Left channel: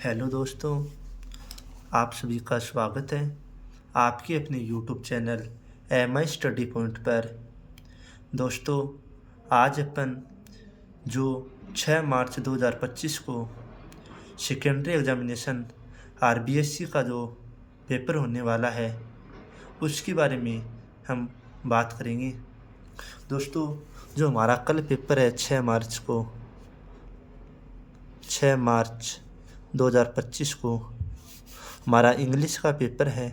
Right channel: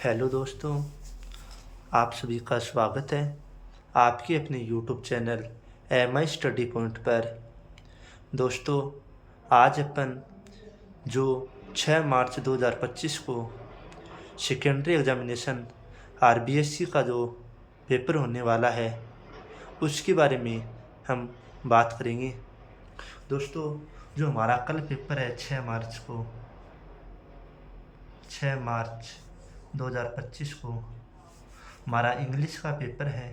Hello दोस्तों, आप सभी का स्वागत है आपके अपने YouTube channel M I study point पर। दोस्तों, आज अपन जो 6 मार्च 2025 को सेकेंडरी एग्जामिनेशन आरबीएससी का जो पेपर होने वाला है उसके बारे में हम बात करेंगे। दोस्तों, जो हमारा कल पेपर है 6 मार्च 2025 को हमारा इंग्लिश का पेपर है।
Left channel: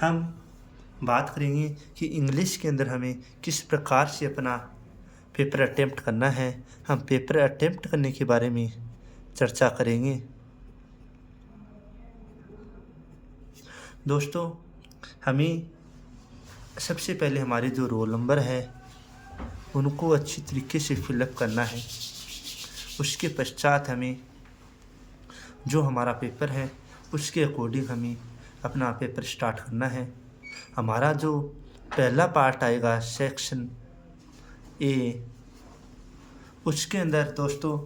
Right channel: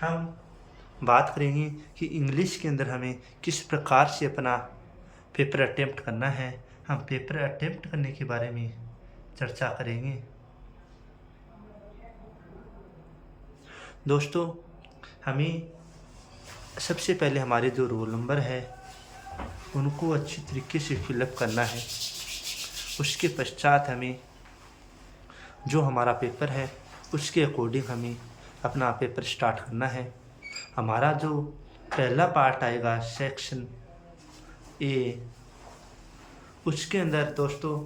हम बात करेंगे कि इंग्लिश के अंदर हमें किस प्रकार से अपना पेपर अटेम्प्ट करना है। हम पेपर अटेम्प्ट करने के बारे में चर्चा करेंगे। दोस्तों, हमें सबसे पहले हमारे जो रोल नंबर है उनको अच्छी तरीके से फिलअप करना है। उसके पश्चात हमें जो हमारा पेपर है उसके अकॉर्डिंग हमें अपना पेपर स्टार्ट करना है। हमारा जो पहला पार्ट आएगा सेक्शन ए, उसके अंदर दोस्तों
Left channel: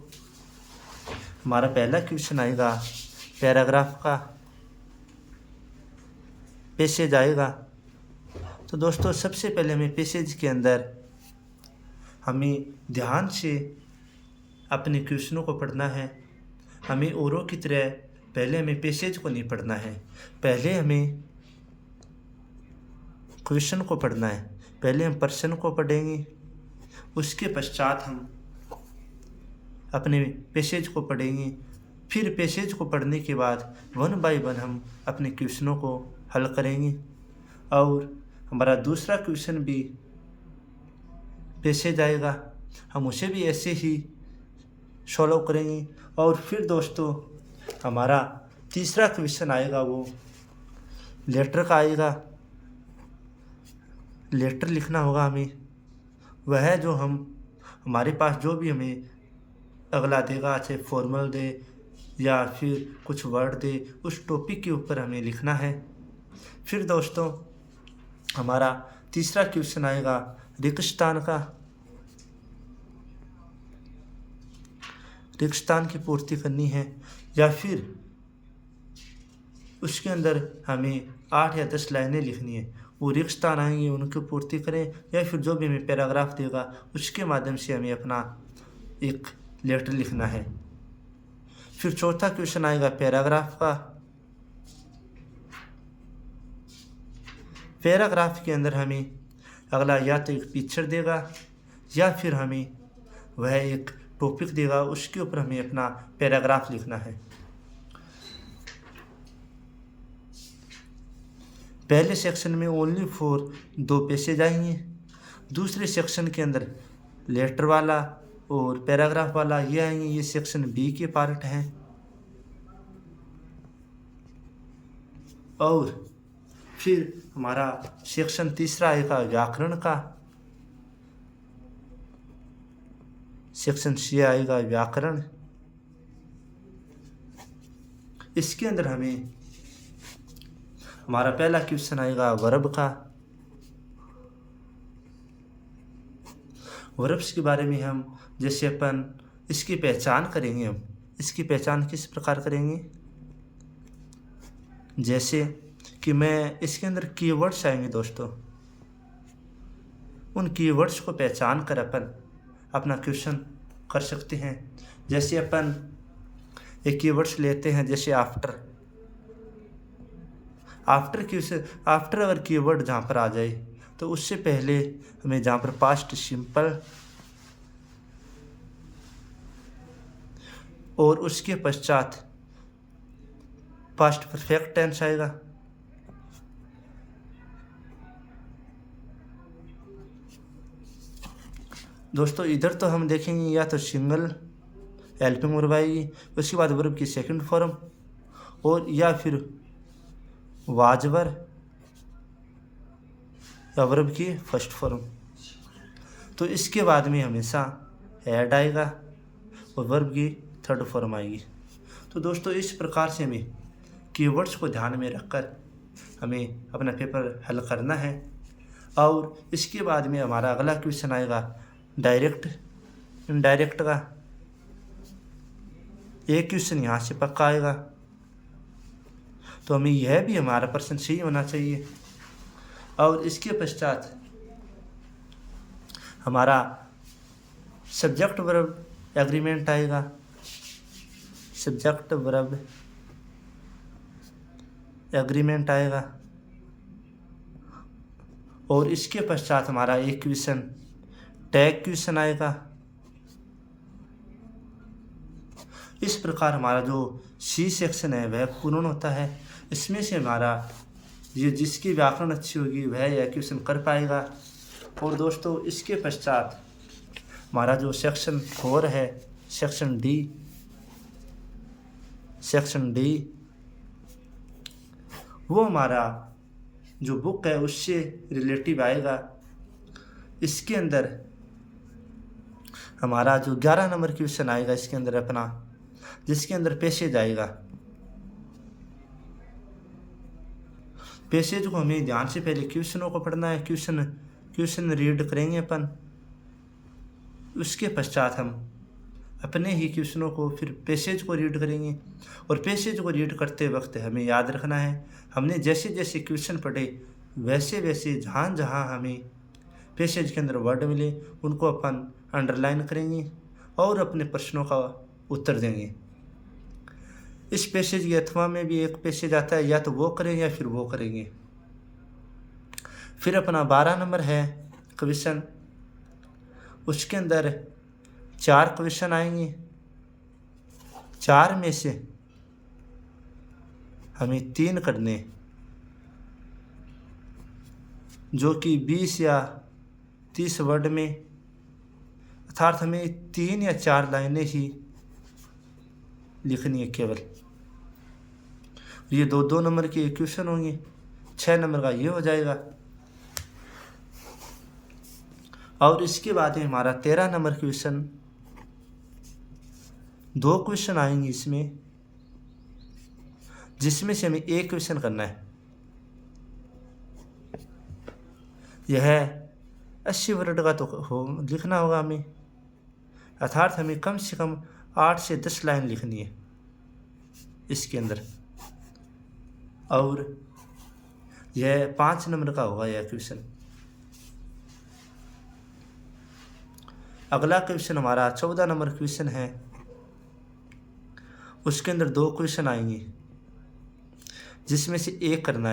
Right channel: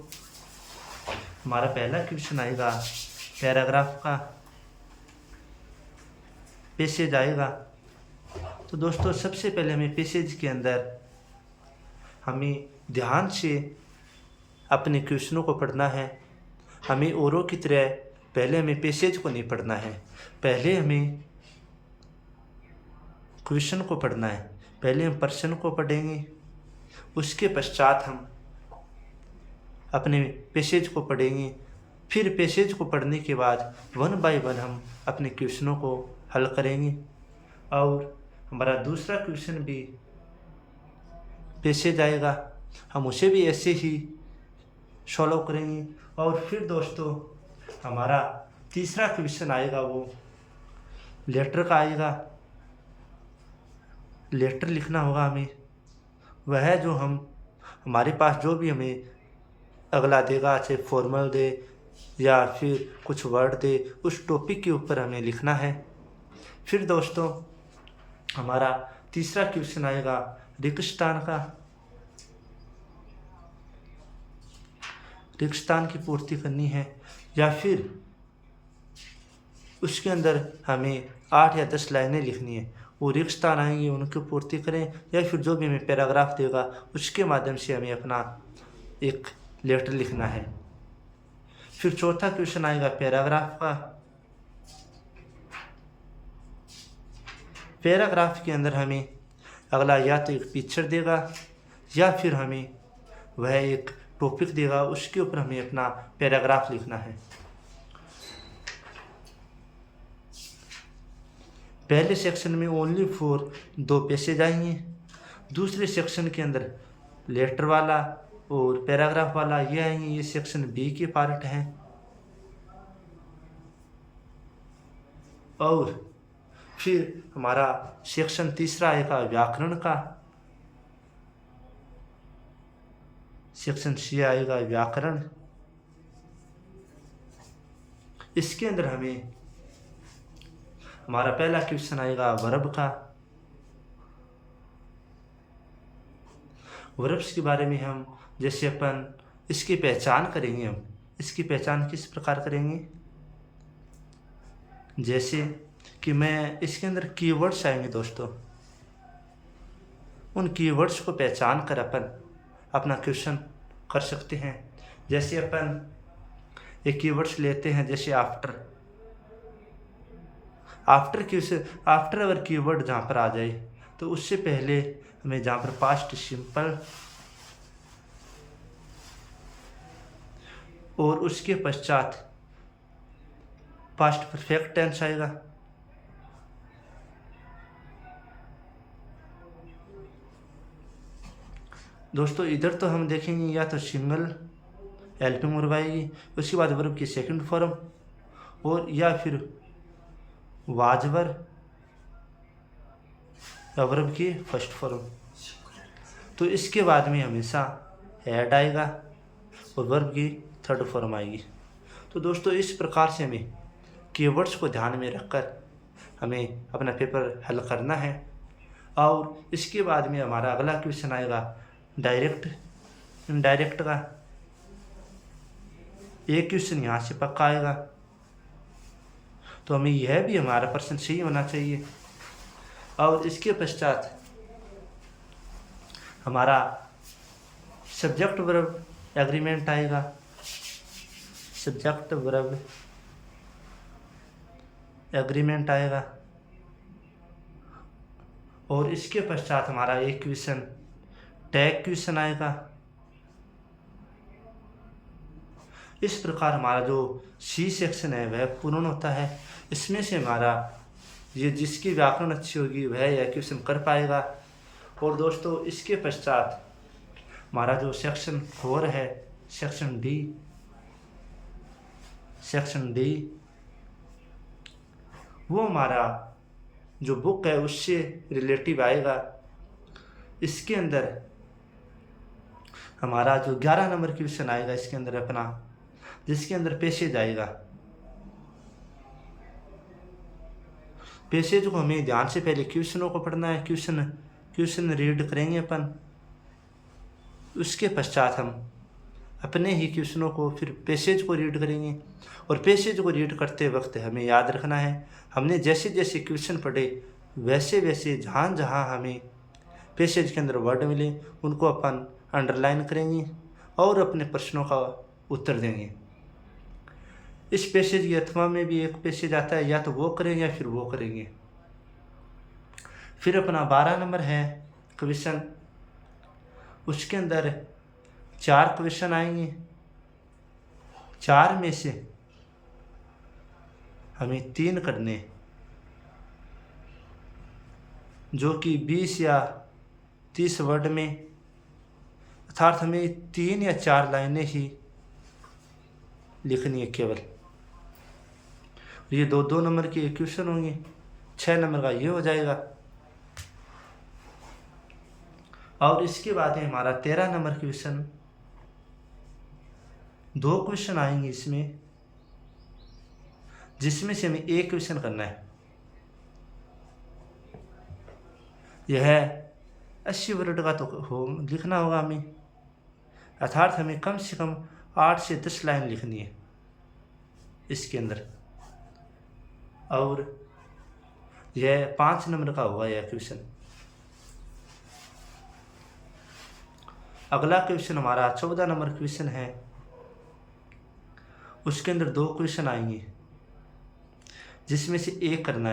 हमारा पहला क्वेश्चन आएगा पैराग्राफ का पैसेज आएगा। तो दोस्तों सबसे पहले हमें पैसेज के अंदर हमें ध्यान से अपने क्वेश्चनों को पढ़ना है। हमें औरों की तरह पहले हमें पैसेज को नहीं पढ़ना है, पहले हमें क्वेश्चन को पढ़ना है। पहले हम प्रश्न को पढ़ेंगे, उसके पश्चात हम अपने पैसेज को पढ़ेंगे। फिर पैसेज को पढ़ने के बाद वन बाय वन हम अपने क्वेश्चनों को हल करेंगे और हमारा दूसरा क्वेश्चन भी पैसेज आएगा, हम उसे भी ऐसे ही सॉल्व करेंगे। और फिर दोस्तों हमारा तीसरा क्वेश्चन आएगा, वो लेटर का आएगा। लेटर लिखना होगा हमें, वह जो हमारे पास जो भी हमें अगला देगा, चाहे फॉर्मल दे या फिर कुछ वर्ड दे, उस टॉपिक के ऊपर हमें लिखना है। फिर दोस्तों हमारा तीसरा क्वेश्चन आएगा रिक्तस्थान का। रिक्तस्थान की पूर्ति करनी है या फिर उसके अंदर हमें 8 या 10 लाइनें लिखनी है। वो रिक्तस्थान आएंगे उनकी पूर्ति करें या फिर जो भी हमें पैराग्राफ देगा उसके माध्यम से हमें अपना एक लेटर लिखना है। फिर चौथा क्वेश्चन आएगा पैराग्राफ का। पैराग्राफ के अंदर हमें अगला या तो एक पिक्चर देगा या फिर हमें वह एक टॉपिक देगा, उसके ऊपर हमें अपना पैराग्राफ लिखना है। पहले सेक्शन में ओनली फॉर 2 पैसेज आएंगे, दूसरे सेक्शन के अंदर लेटर वाला और पैराग्राफ वाला ये आएंगे। ये सेक्शन बी के पार्ट हैं। और फिर हमारा सेक्शन तीसरा आएगा व्याकरण का। सेक्शन सी आएगा व्याकरण। इसके अंदर हमारा पहला क्वेश्चन आएगा वर्ब का। वर्ब्स के बारे में हम जैसे अपन इसकी पहचान करेंगे। हम इसकी पहचान किस प्रकार करेंगे, जैसे कि मैं इसके अंदर कीवर्ड्स आएंगे दोस्तों, उन कीवर्ड्स को पहचान कर अपन अपना क्वेश्चन कर सकते हैं। जैसे अपन एक कीवर्ड्स लेते हैं, जैसे आफ्टर। आफ्टर अगर कीवर्ड जहाँ पर आ जाए तो उससे पहले हमें जहाँ पर पास्ट सिंपल और उसके पश्चात पास्ट परफेक्ट टेंस आएगा। दोस्तों इधर तो हम देखेंगे या तो सिंगल हेल्पिंग वर्ब आएगी, उसके बाद वर्ब की सेकंड फॉर्म, और या फिर वाज वर्ब या वर्ब की फर्स्ट फॉर्म। तो इसके बाद में हमेशा हेड आएगा और वर्ब की थर्ड फॉर्म आएगी। तो दोस्तों इस प्रकार से हमें कीवर्ड्स को ध्यान में रखकर हमें अपना पेपर हल करना है। और इसके बाद में हमारा अगला क्वेश्चन आएगा डायरेक्ट इनडायरेक्ट का। एक क्वेश्चन यहाँ से पक्का आएगा, तो हमें यह भी हमारा प्रश्न सही होना चाहिए। और इसके पश्चात हमारा सब्जेक्ट वर्ब एग्रीमेंट आएगा, सब्जेक्ट वर्ब एग्रीमेंट आएगा। और इसके पश्चात हमारा एक क्वेश्चन टैग क्वेश्चन आएगा। इस प्रकार हमारा जो सी सेक्शन है वह पूर्ण होता है। इसमें से हमारा ये जिसकी व्याकरण अच्छी होगी वह यह क्वेश्चन कर पाएगा। और दोस्तों इसके पश्चात हमारा जो सेक्शन 4 है, सेक्शन डी, वो हमारा जो बुक है उससे रिलेटिव आएगा। इसके अंदर हमारा जो 11 नंबर क्वेश्चन आएगा इसके अंदर अपना, जिसके अंदर पैसेज आएगा। पैसेज को हमें ध्यान से पहले क्वेश्चनों को पढ़ना है, क्वेश्चन रीड करेंगे अपन। उसके पश्चात हम अपने ही क्वेश्चनों को फिर पैसेज को रीड करेंगे। और पैसेज को रीड करते वक्त हमें याद रखना है, हमने जैसे जैसे क्वेश्चन पढ़े वैसे वैसे जहाँ जहाँ हमें पैसेज के अंदर वर्ड मिले उनको अपन अंडरलाइन करेंगे और अपने प्रश्नों का उत्तर देंगे। इस पैसेज के अथवा में भी एक पैसेज आता है, या तो वो करेंगे या फिर वो करेंगे। फिर अपना 12 नंबर है क्वेश्चन, उसके अंदर 4 क्वेश्चन आएंगे। 4 में से हमें 3 करने, जो कि 20 या 30 वर्ड में, अर्थात हमें 3 या 4 लाइनें ही लिखनी है केवल। ये 2-2 नंबर की क्वेश्चन होंगे, 6 नंबर का ये हो जाएगा। और इसके बाद में हमारा 13 नंबर क्वेश्चन, 2 क्वेश्चन आएंगे इसमें, जिसमें से हमें एक क्वेश्चन करना है। यह 80 वर्ड का तो लिखना होगा हमें, अर्थात हमें कम से कम 8 से 10 लाइन लिखनी है इसके अंदर। और यह 5 नंबर का होगा यह क्वेश्चन। अगला क्वेश्चन हमारा 14 नंबर क्वेश्चन है, उसके अंदर 2 क्वेश्चन आएंगे, जिसमें से एक करना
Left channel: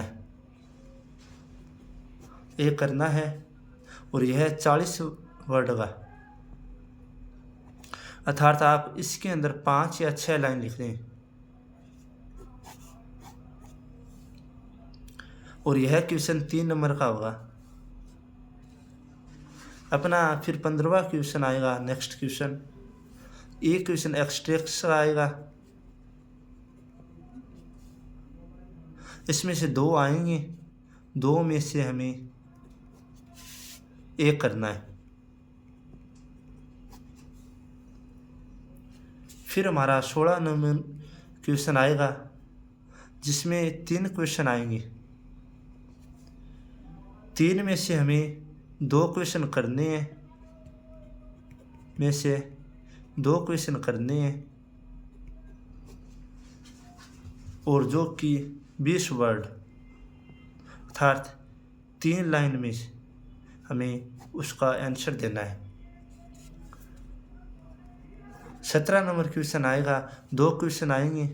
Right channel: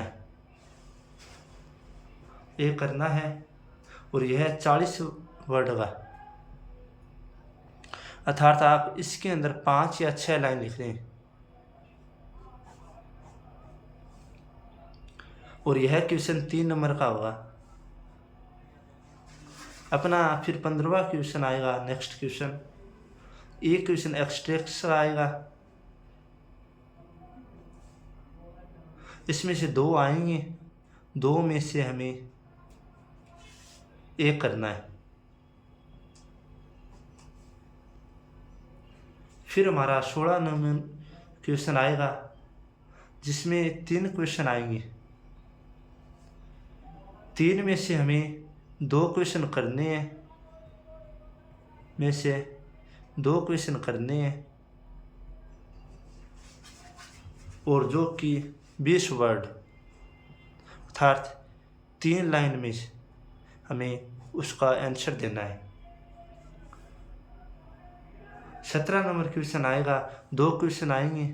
है और यह 40 वर्ड का, अर्थात आप इसके अंदर 5 या 6 लाइन लिख दें। और यह क्वेश्चन 3 नंबर का होगा अपना। फिर 15वां क्वेश्चन आएगा, नेक्स्ट क्वेश्चन, एक क्वेश्चन एक्सट्रैक्ट आएगा। इसमें से 2 आएंगे, 2 में से हमें एक करना है। फिर हमारा 16 नंबर क्वेश्चन आएगा, जिसमें 3 क्वेश्चन आएंगे। 3 में से हमें 2 क्वेश्चन करने हैं, और जो कि 20 वर्ड, अर्थात 3 लाइन में हमें उसका आंसर देना है। 17 नंबर क्वेश्चन आएगा, 2 क्वेश्चन आएंगे,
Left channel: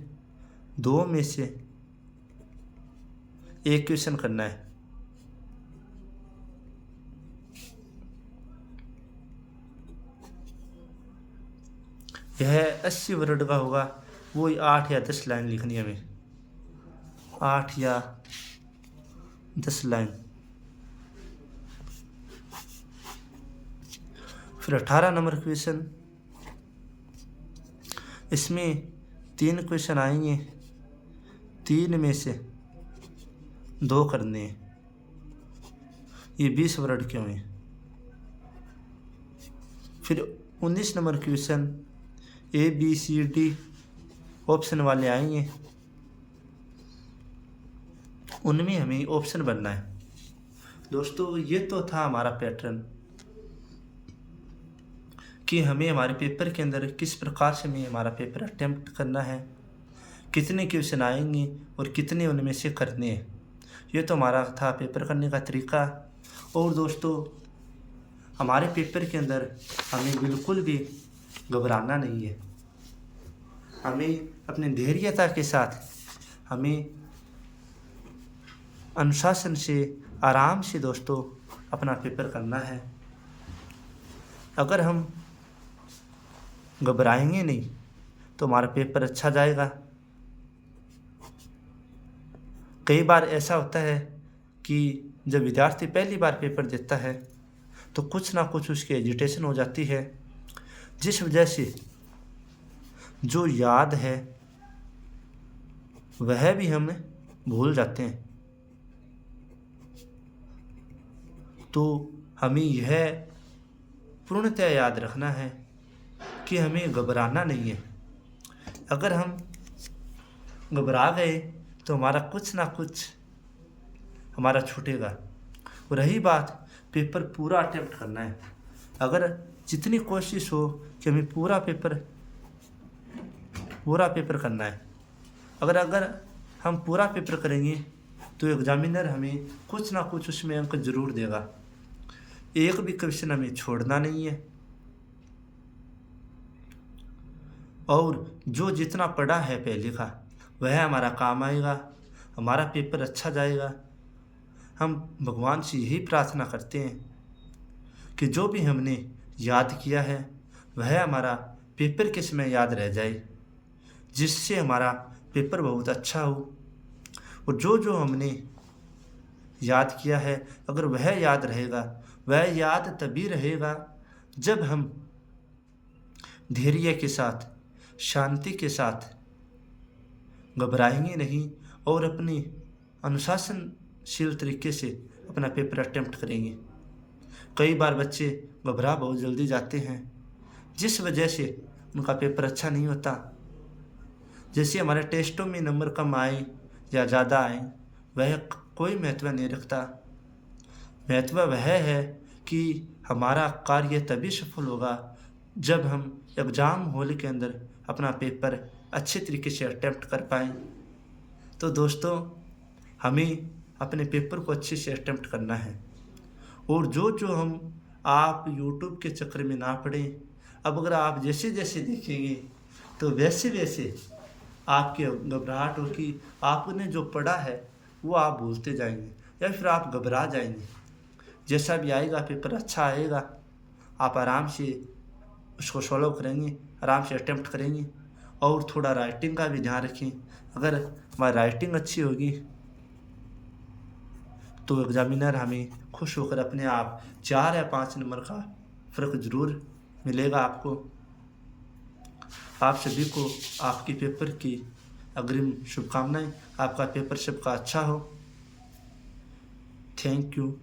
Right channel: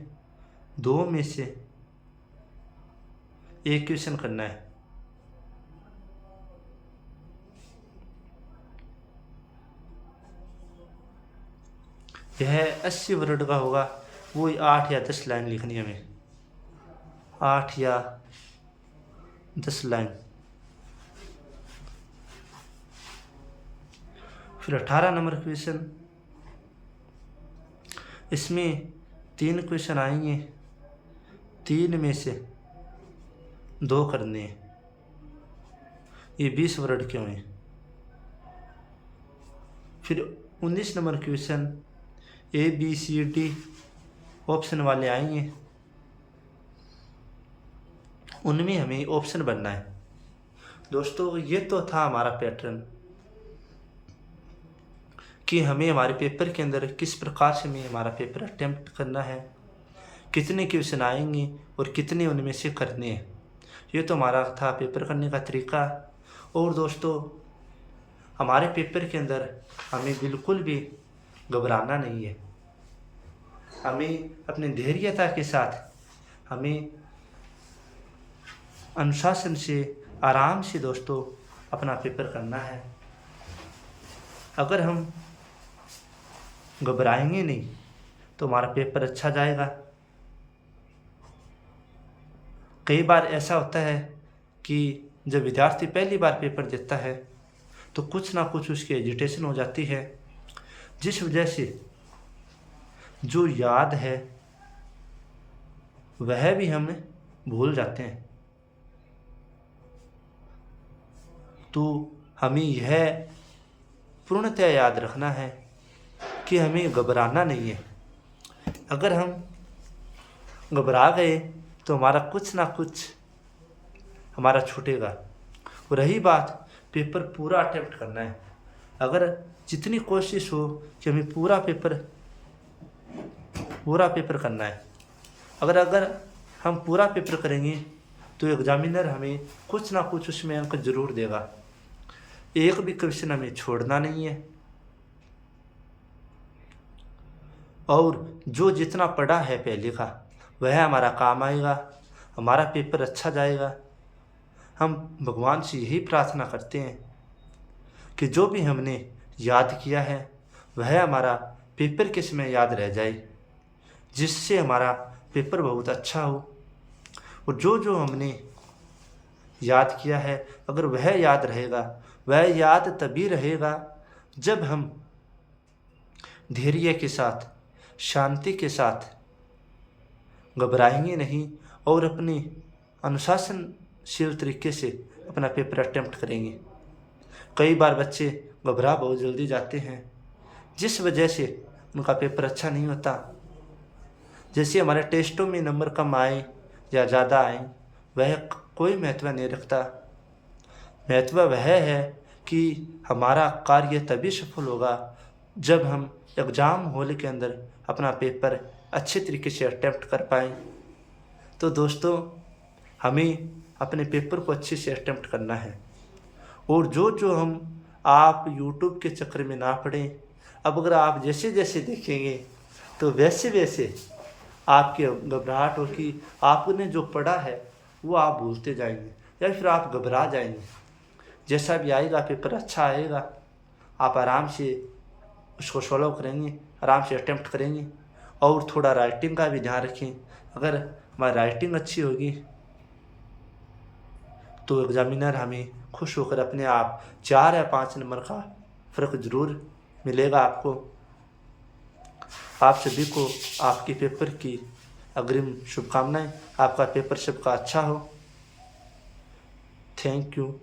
2 में से एक क्वेश्चन करना है। यह 80 वर्ड का होगा, वो 8 या 10 लाइन लिखनी है हमें, 8 या 10 लाइन। फिर 18 नंबर क्वेश्चन, इसमें 3 क्वेश्चन आएंगे, 3 में से 2 करने हैं। ये 20 वर्ड के हुए। फिर 19 नंबर क्वेश्चन, ABCD ऑप्शन वाले आएंगे, उनमें हमें ऑप्शन बनना है। दोस्तों ये तो था हमारा पैटर्न कि हमें हमारे पेपर के अंदर किस प्रकार से हमें हमारा पेपर अटेम्प्ट करना है, कितने क्वेश्चन आएंगे और कितने उनमें से करने हैं। ये तो हमारा था पेपर करने का तरीका। और दोस्तों, हमारे पेपर के अंदर हमें बिल्कुल भी घबराना नहीं है। हमें अपनी धैर्यता के साथ हमें अनुशासन से आराम से दोस्तों अपना पेपर करना है। अगर हम घबराएंगे नहीं तो हमारा पेपर अच्छा जाएगा। कई बार ऐसा होता है कि जब विद्यार्थी पहली बार पेपर देता है तो कुछ ना कुछ उसकी एजिटेशन हो जाती है, जिस वजह से जो याद है वह भी हम भूल जाते हैं। तो हमें यह पूर्णतः याद रखना है कि हमें घबराना नहीं है। अगर हम घबरा गए तो हमारा कुछ ना कुछ हमारा छूटेगा। और रही बात पेपर पूरा अटेम्प्ट करना है, अगर जितनी कोशिश हो कि हमें पूरा पेपर करना है। अगर हम पूरा पेपर करेंगे तो एग्जामिनर हमें कुछ ना कुछ उसमें अंक जरूर देगा। एक भी क्वेश्चन हमें छोड़ना नहीं है। और जो जितना पढ़ा है पहले का वह हमारा काम आएगा, हमारा पेपर अच्छा जाएगा। हम भगवान से यही प्रार्थना करते हैं कि जो भी हमने याद किया है वह हमारा पेपर के समय याद रह जाए, जिससे हमारा पेपर बहुत अच्छा हो। और जो हमने याद किया है अगर वह याद रहेगा, वह याद तभी रहेगा जब हम धैर्य के साथ, शांति के साथ घबराएंगे नहीं और अपनी अनुशासनशील तरीके से अपना पेपर अटेम्प्ट करेंगे। कई बार बच्चे घबरा बहुत जल्दी जाते हैं, जिस वजह से उनका पेपर अच्छा नहीं होता। जैसे हमारे टेस्टों में नंबर कम आए या ज़्यादा आए वह कोई महत्व नहीं रखता। महत्व वह है कि हमारा कार्य तभी सफल होगा जब हम एग्ज़ाम हॉल के अंदर अपना पेपर अच्छे तरीके से अटेम्प्ट कर पाएँ। तो दोस्तों, हमें अपने पेपर को अच्छे से अटेम्प्ट करना है। और जो हम आप यूट्यूब के चक्कर में ना पड़ें। अब अगर आप जैसे जैसे देखेंगे तो वैसे वैसे आपकी घबराहट होगी, आपने जो पढ़ा है वो आप भूलते जाएंगे या फिर आप घबरा जाएंगे। जैसा भी आएगा पेपर अच्छा आएगा, आप आराम से उसको सॉल्व करेंगे, आराम से अटेम्प्ट करेंगे। और थोड़ा राइटिंग का भी ध्यान रखें। अगर हमारी राइटिंग अच्छी होगी तो एग्जामिनर हमें खुश होकर अपने आप 4 या 5 नंबर का फ़र्क ज़रूर मिलेगा आपको। आप सभी को आपके पेपर की अग्रिम शुभकामनाएं। आपका पेपर सबका अच्छा हो। Thank you.